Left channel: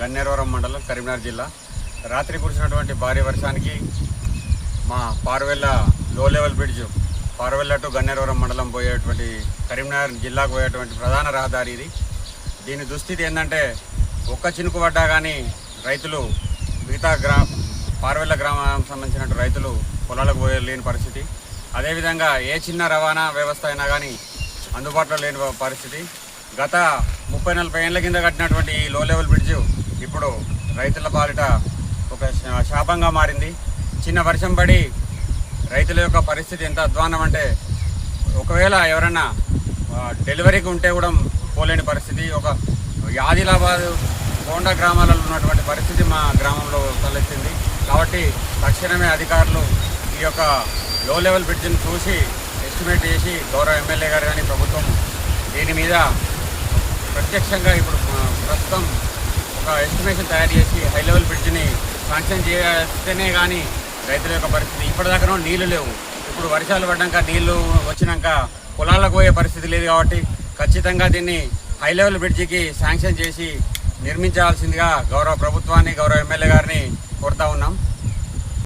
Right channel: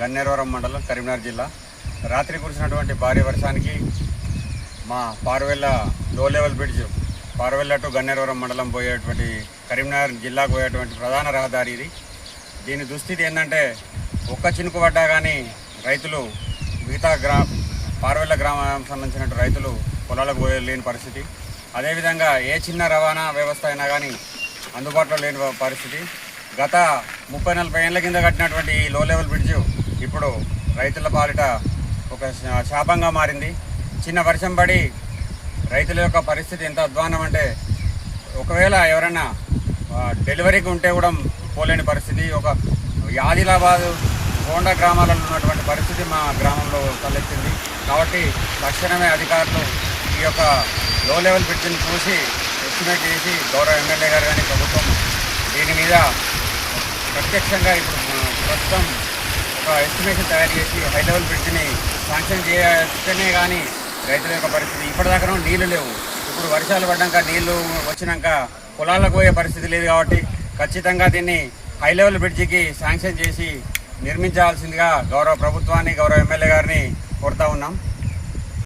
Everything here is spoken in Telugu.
గన్నేరవరం మండలం కరీంనగర్ జిల్లా. రాత్రి కురిసినటువంటి భారీ వర్షానికి మా పారువెల్ల లో level bridge Paruvella to Ganneruvaram మండలం పోయేటువంటి కరీంనగర్ జిల్లాకు పోయేటువంటి ప్రధాన రహదారి ఇది. దీని దుస్థితి ఏంటంటే ఒక్క చినుకు పడ్డా కానీ రైతులు మిగతా గ్రా పారువెల్ల గ్రామానికి సంబంధించిన రైతులు పొలాలకు పోయే లేని పరిస్థితి. అదేవిధంగా ఏ చిన్న రవాణా వ్యవస్థ అయినా కానీ అందుబాటులో లేని పరిస్థితి. గత ముప్పై నలభై ఏళ్ళ కింద కట్టినటువంటి ఈ లో లెవెల్ బ్రిడ్జ్ ఇప్పుడు రైతుల పాలిట ఒక శా- శాపంగా మారింది. చిన్న వర్షం పడి రైతుల యొక్క పరిస్థితి ఎంత అధ్వానం అంటే ఒకవేళ ఎవరైనా డెలివరీకి ఉంటే కూడా పోలేని పరిస్థితి. ఒక ఆదిలాబాద్ గోండా గ్రామాలలో ఉన్నటువంటి పరిస్థితి మా గ్రామంలో తలెత్తింది. కాబట్టి తక్షణమే అధికారులు ఈ యొక్క లో లెవెల్ బ్రిడ్జ్ని చూసి ఎస్టిమేట్ చేసి గౌరవ ఎమ్మెల్యే గారు కానీ ప్రభుత్వం దీని మీద ప్రత్యక్షంగా ఇప్పుడు ప్రస్తుతం ఒక ఎస్టిమేషన్ తయారు చేసి హై లెవెల్ బ్రిడ్జిని శాంక్షన్ చేస్తేనే కానీ రైతుల యొక్క పరిస్థితి ఇప్పటిదాకా నీళ్ళు లేవు. ఇప్పుడు వర్షాలు పడ్డాక నీళ్ళు వచ్చినాక పొలాలకు పోయే పరిస్థితి లేదు కాబట్టి ఖచ్చితంగా దీన్ని హై లెవెల్ బ్రిడ్జికి శాంక్షన్ చేసి నిర్మించాల్సిందిగా గౌరవ ప్రభుత్వాన్ని గౌరవ ఎమ్మెల్యే గారిని కోరుతా ఉన్నాం.